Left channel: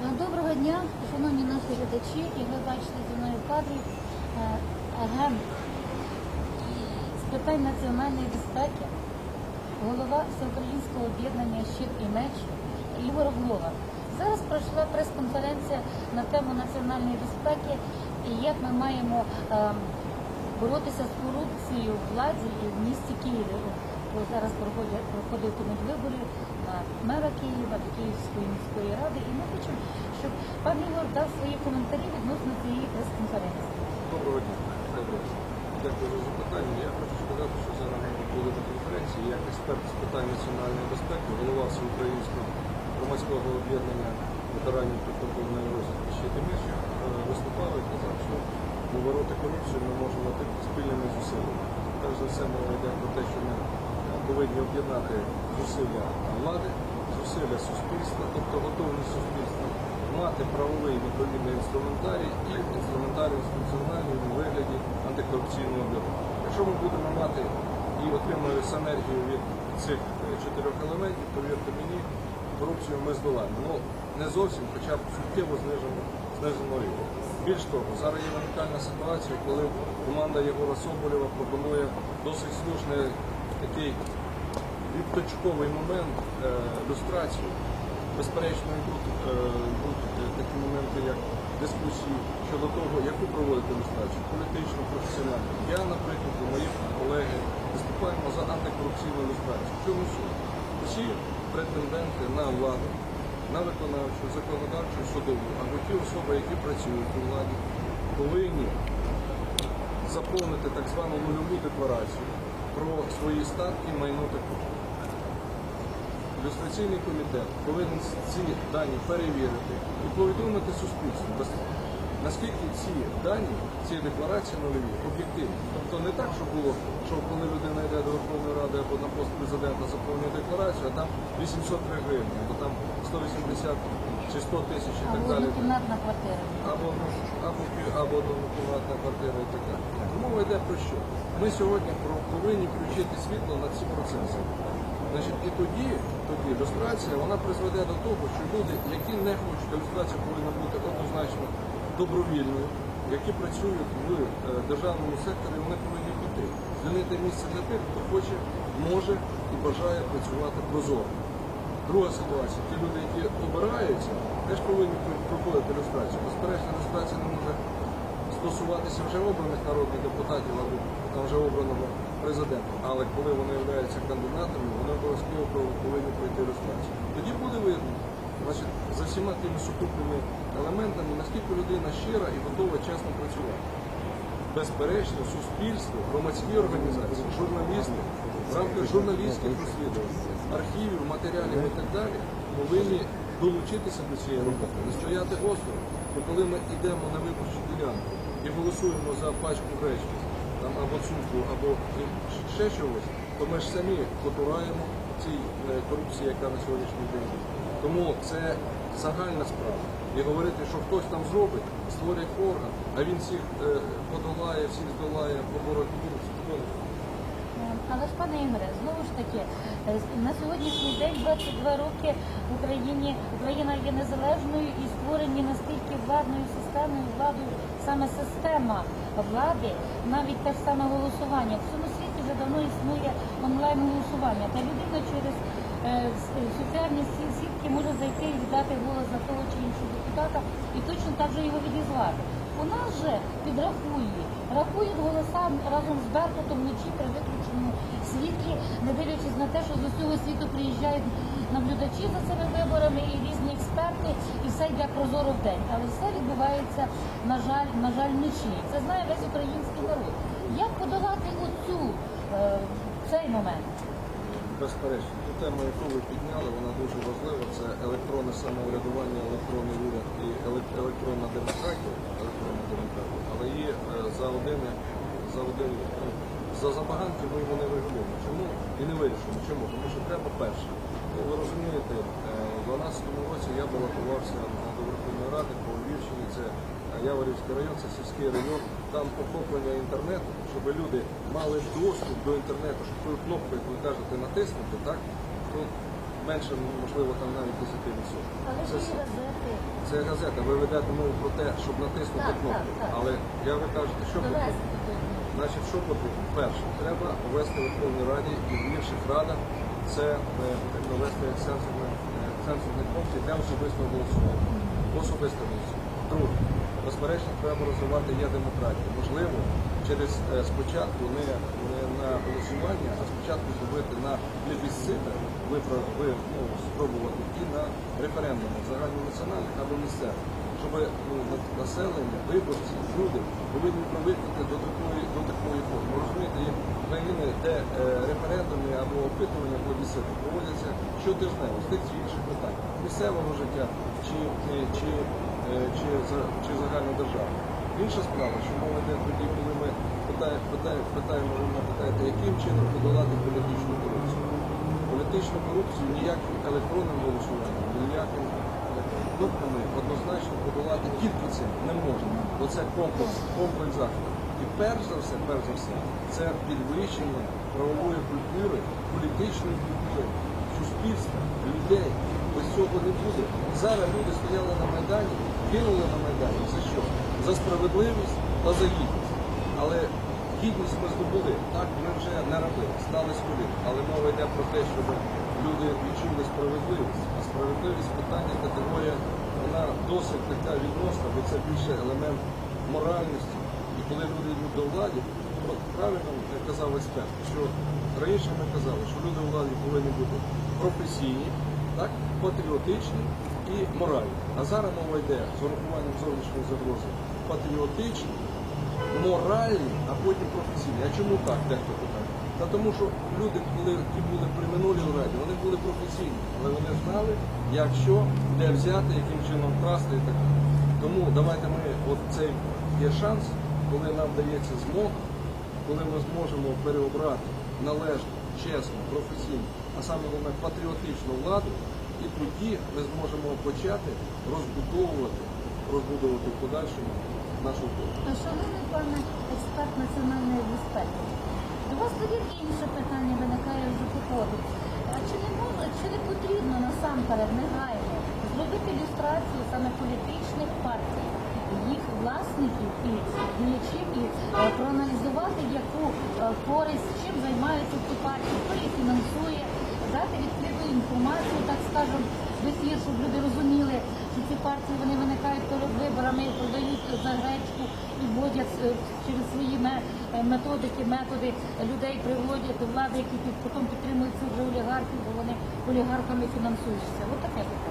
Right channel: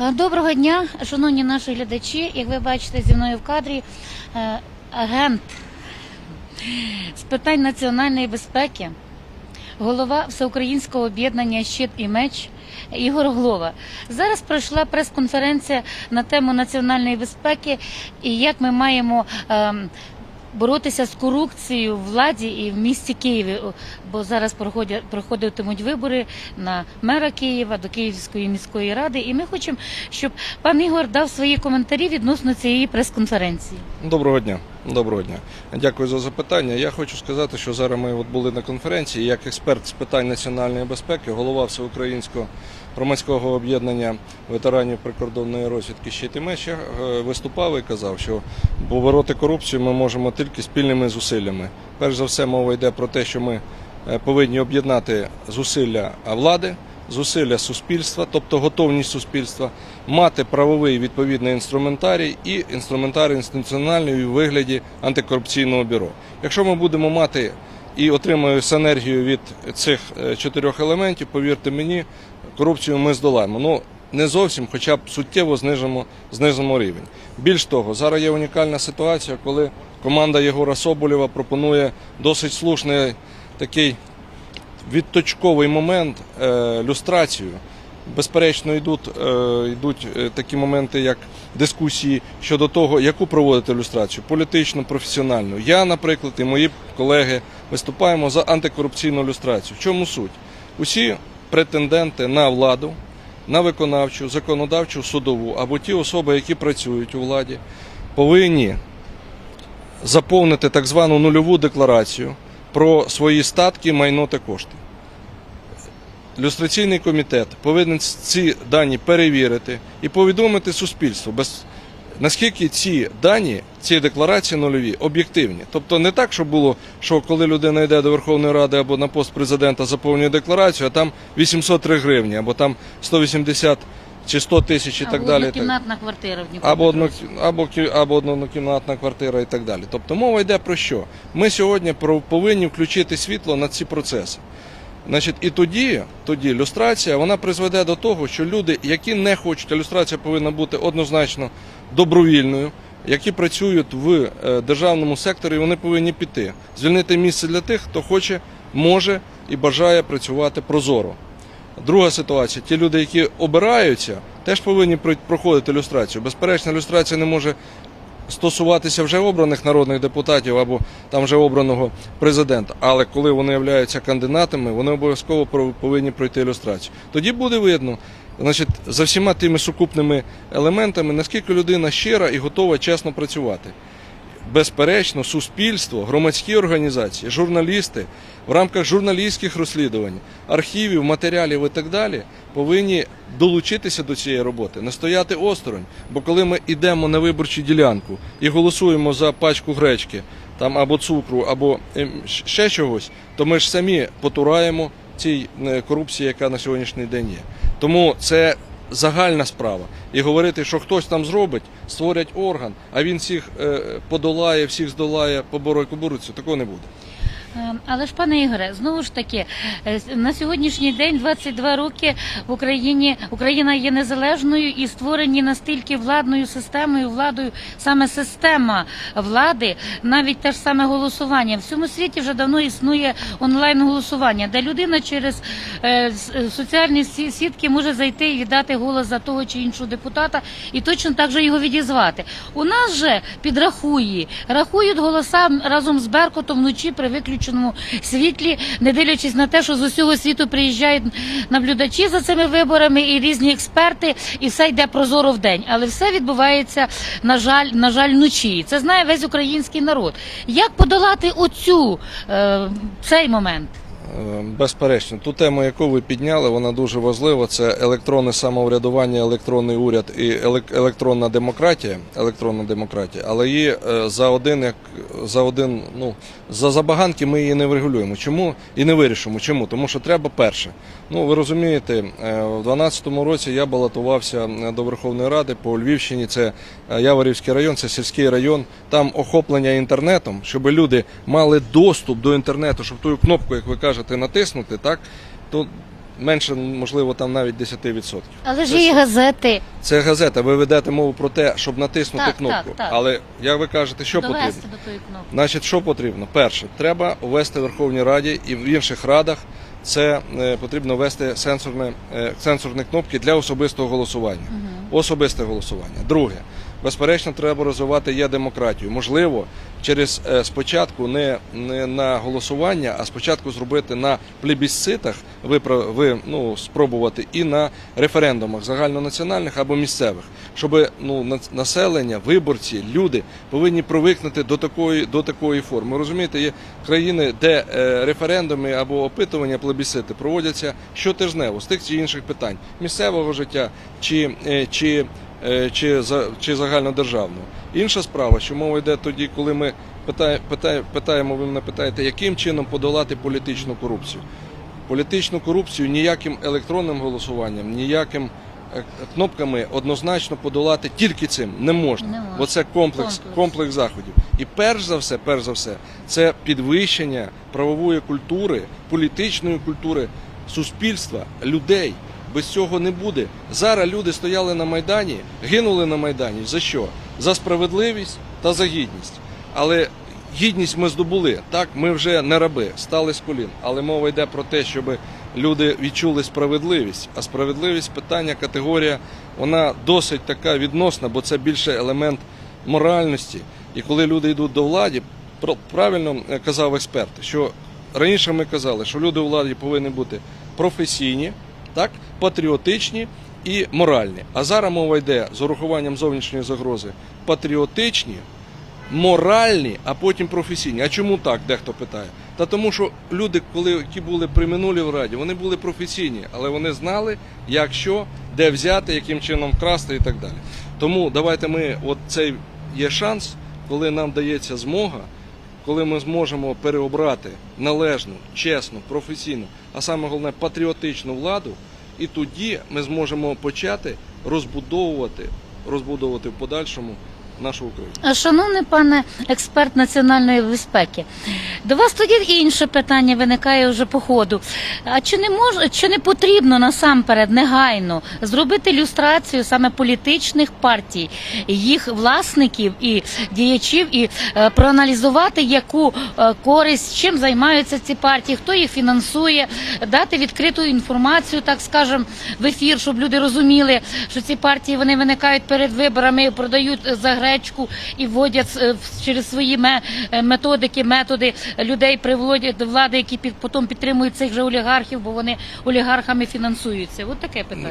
Е, Доброго дня, шановні наші глядачі. Як ви бачите, зі мною в кадрі е, агент з питань національної безпеки, голова Всеукраїнського об'єднання Щит і меч Ігор Глова. Зараз пройшла прес-конференція на тему національної безпеки і як ми маємо. Боротися з корупцією в владі і в місті Києві, бо зараз проходять проходитимуть вибори на мера Києва до Київської міської ради. І ми хочемо, щоб пан Ігор дав свої коментарі відносно цієї прес-конференції. Доброго дня. Доброго дня. Дякую за запитання. Я хочу сказати, що зараз ми от були на конференції як експерт з питань національної безпеки, голова всеукраїнського громадського об'єднання ветеранів прикордонної розвідки «Щит і меч». Е, виступав і казав, що побороти корупцію ми можемо тільки спільними зусиллями. Перш за все, мова йде про те, що ми е, повинні об'єднати зусилля влади, зусилля суспільства, тобто готовність суспільства, мати правовий відповідний інструментарій і інструментарій інституціональний у вигляді антикорупційного бюро. Якщо ми будемо мати і отримуємо синергію від цих е, чотирьох елементів, повірте мені, корупцію ми здолаємо. Ну не зовсім, хоча б суттєво знижимо, знизимо рівень. Більш того, зараз є унікальна ситуація, коли команда Єгора Соболєва пропонує досить слушний такий відточковий момент е, люстрацію. Безперечно, йдуть, е, йдуть е, такі моменти, як дискусії щодо того, яку проводити люстрацію політичну, професіональну. Я, наприклад, і мої колеги виступаємо за антикорупційну люстрацію. В чому суть? Усі претенденти на владу, на виконавчу, законодавчу, судову або ті особи, які працюють у владі, повинні заповнити так звану нульову декларацію про свої статки, майно та кошти. Люстраційний комітет повинен ці дані перевірити і повідомити суспільству, без, наскільки ці дані, ці декларації нульові, об'єктивні. Тобто не так, щоб було, що коли людина йде до Верховної Ради або на пост президента заповнює декларацію, а там 803 гривні, або там 180 чи 100 тисяч і так або далі. однокімнатна квартира Або, одно, або, або однокімнатна квартира і так далі. Тобто мова йде про що? Ми сьогодні повинні включити світло на ці процеси. Значить, і тоді, тоді люстрація вона призведе до того, що люди, які не хочуть, а люстрація повинна бути однозначно добровільною, які працюють в е, державному секторі, вони повинні піти, звільнити місце для тих, хто хоче, може і бажає працювати прозоро. Друга ситуація: ті люди, які обираються, теж повинні проходити люстрацію. Безперечно, люстрація не може стосуватися вже обраних народних депутатів або там вже обраного президента. Але коли вони являються кандидатами, вони обов'язково повинні пройти люстрацію. Тоді буде видно, значить, за всіма тими сукупними елементами, наскільки людина щира і готова чесно працювати. Безперечно, суспільство, громадські організації, журналісти в рамках журналістських розслідувань, архівів, матеріалів і так далі повинні долучитися до цієї роботи, не стояти осторонь. Бо коли ми йдемо на виборчу ділянку і голосуємо за пачку гречки там або цукру, або ем, ще чогось, то ми ж самі потураємо цій е, корупції, яка на сьогоднішній день є. Тому це загальна справа. І говорити, що хтось там зробить, створять орган, а він всіх е, подолає, всіх здолає, побороє корупцію, такого не буде. Е, Але ж, пане Ігоре, знову ж таки, е, на сьогоднішній день, 22 роки в Україні Україна є незалежною і створені настільки владною системою, владою саме система влади, навіть те ж саме голосування. В всьому світі вже давно існує онлайн голосування, де людина через е, соціальні сі- сітки може зайти і віддати голос за того чи іншого депутата, і точно так же його відізвати. У нас же підрахує, рахують голоса разом з Беркутом вночі при виключеному світлі, не дивлячись на те, що з усього світу приїжджають наблюдачі за цими виборами і різні експерти, і все йде прозоро в день. Але все відбувається, на жаль, на жаль, вночі. Це знає весь український народ. Як подолати оцю е, цей момент? Е, Безперечно, ту тему, яку ви підняли, вона дуже важлива. Це електронне самоврядування, електронний уряд і електронна демократія. Електронна демократія, але її е, за один як за один, ну за забаганки ми її не врегулюємо. Чому і не вирішимо? Чому? Тому що треба перше. Ну ви розумієте, е, в 2012 році я балотувався е, до Верховної Ради по Львівщині. Це е, Яворівський район, це сільський район. Там охоплення інтернетом, щоб люди мали доступ до інтернету, щоб ту кнопку, як ви кажете, натиснути, так то менше, можливо, там навіть 10%. Але ж є газети. Це газета. Ви ведете мову про те, щоб натиснути Так, кнопку. так, так. Але як ви кажете, що довести потрібно? Значить, що потрібно? Перше, треба ввести в Верховній Раді і в інших радах. Це е, потрібно ввести сенсорне, е, сенсорні кнопки для особистого голосування. Особисте голосування. Друге, безперечно, треба розвивати є демократію. Можливо, через е, спочатку не, не на голосування, а спочатку зробити на плебісцитах, ви, ну, спробувати і на референдумах загальнонаціональних або місцевих, щоб ну, населення, виборці, люди повинні привикнути до такої, до такої форми. Розумієте, є країни, де е, референдуми або опитування плебісцити проводяться щотижнево з тих чи інших питань місцевого життя чи, е, чи, чи, за- чи загальнодержавного. Інша справа, що мова йде тоді, коли ми питає, питає, питаємо, ви мене питаєте, яким чином подолати політичну корупцію. Політичну корупцію ніяким електронним голосуванням, ніяким е, кнопками однозначно подолати тільки цим не можна. Бо це Комплекс. комплекс заходів. І перш за все, перш за все, це підвищення правової культури, політичної культури суспільства, людей. Без цього не буде. Зараз люди стояли на Майдані, гинули на Майдані. За що? За справедливість та за гідність. Але гідність ми здобули. Так, ми вже не раби, стали з колін. Але мова йде про те, щоб люди відчули справедливість. А справедливість питання, категорія, вона досить така відносна, бо це більше елемент моральності. І коли люди йдуть до влади, правильно е, казав експерт, що раніше ми казали, що люди у владі повинні бути професійні, так, патріотичні і моральні. А зараз мова йде з урахуванням зовнішньої загрози патріотичні, моральні, а потім професійні. А чому так? Дехто питає. Та тому, що люди, коли які були при минулій раді, вони були професійні, але вони знали, як що, де взяти, яким чином красти і так далі. Тому давайте ми, от цей є шанс, коли нам дається змога, коли ми зможемо переобрати належну, чесну, професійну, а саме головне патріотичну владу, і тоді ми зможемо почати розбудовувати, розбудовувати в подальшому нашу Україну. Шановний пане експерт національної безпеки, до вас тоді інше питання виникає вже по ходу. А чи не мож, чи не потрібно насамперед негайно зробити люстрацію саме політичних партій, їх власників і діячів, і е, проаналізувати, яку е, користь, чим займаються ці партії, хто їх фінансує, дати відкриту інформацію, так скажем, в ефір, щоб люди розуміли, що ці партії вони виникають перед виборами, продають е, за гречку і вводять е, через свої е, методики, методи людей приводять до влади, які під потім підтримують цих же олігархів, бо вони олігархами фінансуються. От таке питання.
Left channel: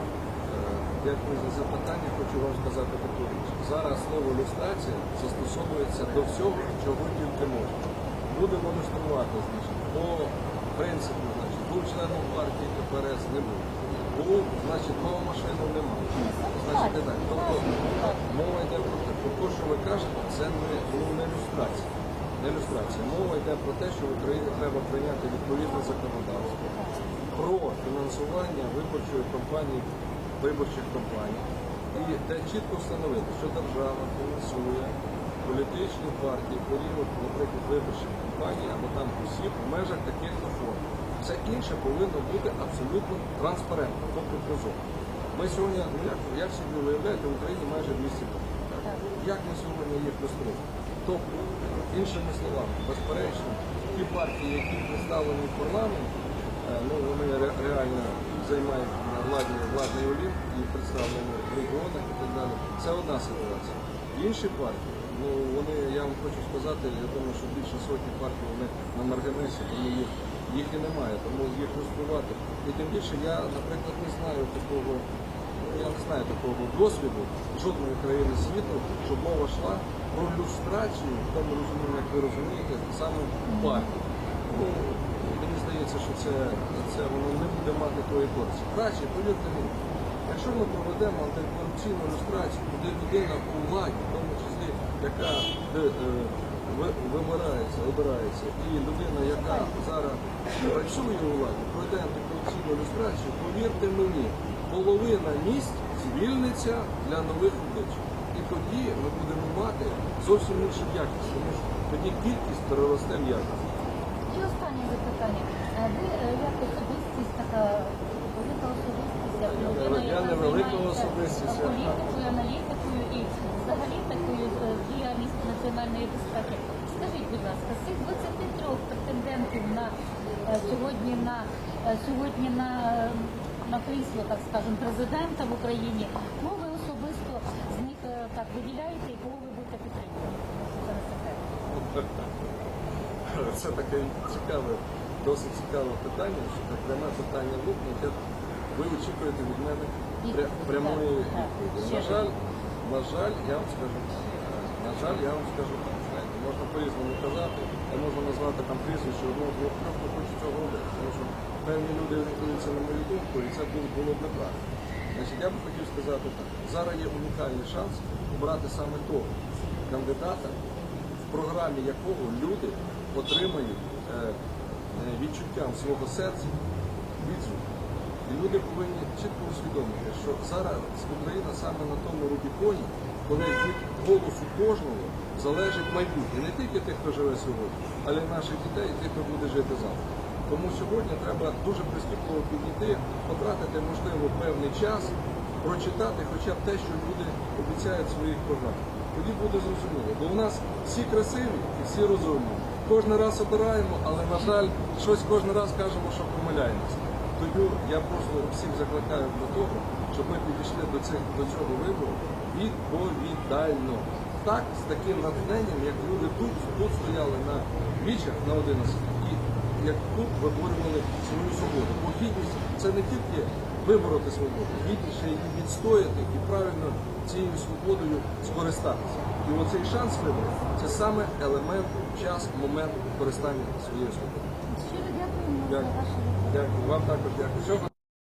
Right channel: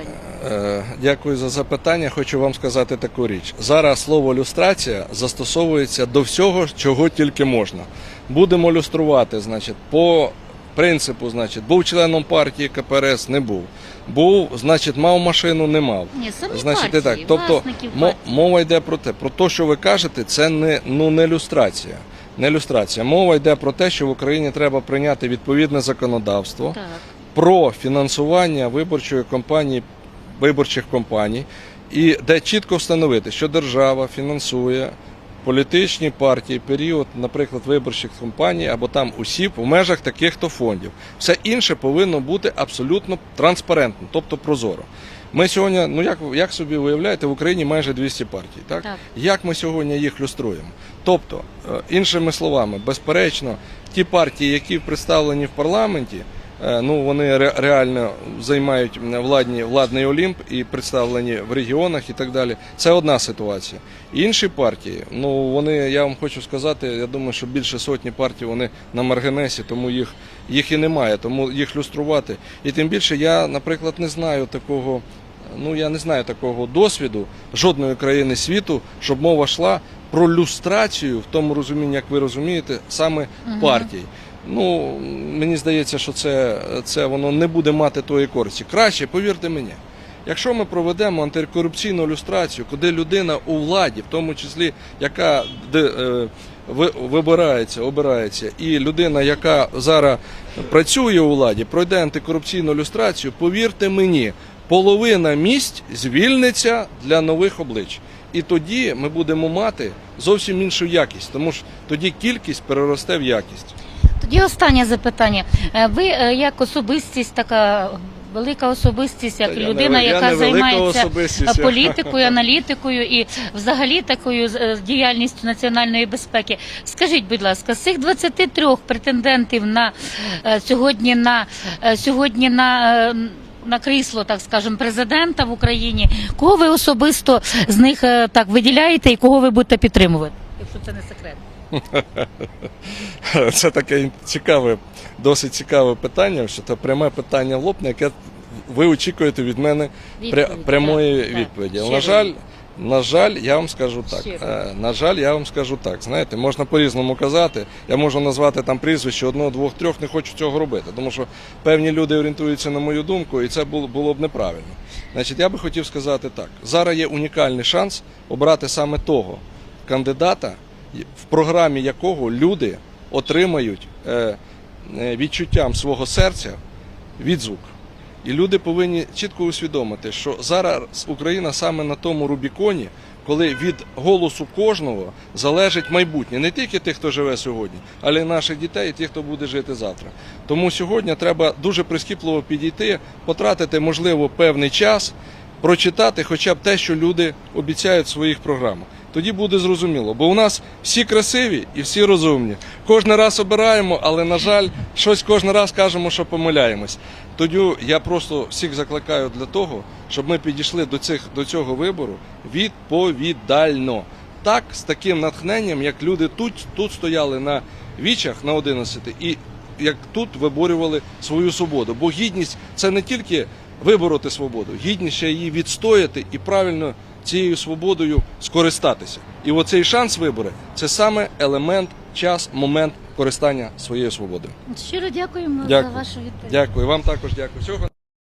Е, Дякую за запитання. Хочу вам сказати таку річ. Зараз слово люстрація застосовується до всього, чого тільки можна. Будемо люструвати, значить, по принципу, значить, був членом партії КПРС, не був. Був, значить, мав машину, не мав. Ні, самі Значить, партії, так. Тобто мо- мова йде про те, про те, що ви кажете, це не ну не люстрація. Не люстрація. Мова йде про те, що в Україні треба прийняти відповідне законодавство Так. про фінансування виборчої кампанії, виборчих компаній, і де чітко встановити, що держава фінансує політичні партії період, наприклад, виборчих кампаній або там осіб в межах таких-то фондів. Все інше повинно бути абсолютно транспарентно, тобто прозоро. Ми сьогодні, ну як, як собі уявляєте, в Україні майже 200 партій. Так? Так. Як ми сьогодні їх люструємо? Тобто, е, іншими словами, безперечно, ті партії, які представлені в парламенті, ну вони реально займають владні, владний олімп і представлені в регіонах і так далі. Це одна ситуація. Інші партії, ну вони, я вам хочу сказати, я думаю, що більше сотні партій вони на маргінесі, тому їх, їх і немає, тому їх люструвати. І тим більше я, наприклад, не знаю такого. Ну я не знаю такого досвіду жодної країни світу, щоб мова йшла про люстрацію в тому розумінні, як ви розумієте, саме партій. Ну мені здається, що це, це воно не буде мати тої користі. Краще, повірте мені. Якщо ми проведемо антикорупційну люстрацію, куди людина у владі, в тому числі яка де, е, вибирається, обирається, і людина, яка зараз працює у владі, пройде антикорупційну люстрацію, повірте мені, половина місць звільниться для нових облич. І тоді ми будемо мати зовсім іншу якість, тому що тоді кількість переросте в якість. Тоді останнє запитання. Е, Ви е, як особистість така велика особистість, як я людина, я яка займається політикою, аналітикою і взагалі такою е, діяльністю національної безпеки. Скажіть, будь ласка, з цих 23 претендентів на е, сьогодні на е, сьогодні на е, на крісло, так скажемо, президента в Україні. Кого ви особисто з них е, так виділяєте і кого ви будете підтримувати? Якщо це не секрет. Це таке цікаве, досить цікаве питання, що це пряме питання лопне, яке ви очікуєте від мене пря- прямої відповіді. На жаль, на жаль, я вам скажу так. Е, На жаль, я вам скажу так. Знаєте, можна по-різному казати. Я можу назвати там прізвище одного, двох, трьох, не хочу цього робити, тому що певні люди орієнтуються на мою думку, і це було, було б неправильно. Значить, я би хотів сказати так: зараз є унікальний шанс обрати саме того кандидата, в програмі якого люди отримають е, е, відчуттям свого серця відзвук. І люди повинні чітко усвідомити, що зараз Україна саме на тому Рубіконі, коли від голосу кожного залежить майбутнє, не тільки тих, хто живе сьогодні, але й наших дітей, і тих, хто буде жити завтра. Тому сьогодні треба дуже прискіпливо підійти, потратити, можливо, певний час, прочитати хоча б те, що люди обіцяють в своїх програмах. Тоді буде зрозуміло, бо у нас всі красиві і всі розумні. Кожен раз обираємо, але на жаль, щось кожен раз кажемо, що помиляємось. Тоді я просто всіх закликаю для того, щоб ми підійшли до цих до цього вибору відповідально. Так, з таким натхненням, як люди тут, тут стояли на вічах на 11 і як тут виборювали свою свободу. Бо гідність це не тільки вибороти свободу, гідність ще її відстояти і правильно цією свободою скористатися. І оцей шанс вибору це саме елемент, час, момент користання своєю свободою. Щиро дякуємо Дякую. за вашу відповідь. Дякую, вам також дякую.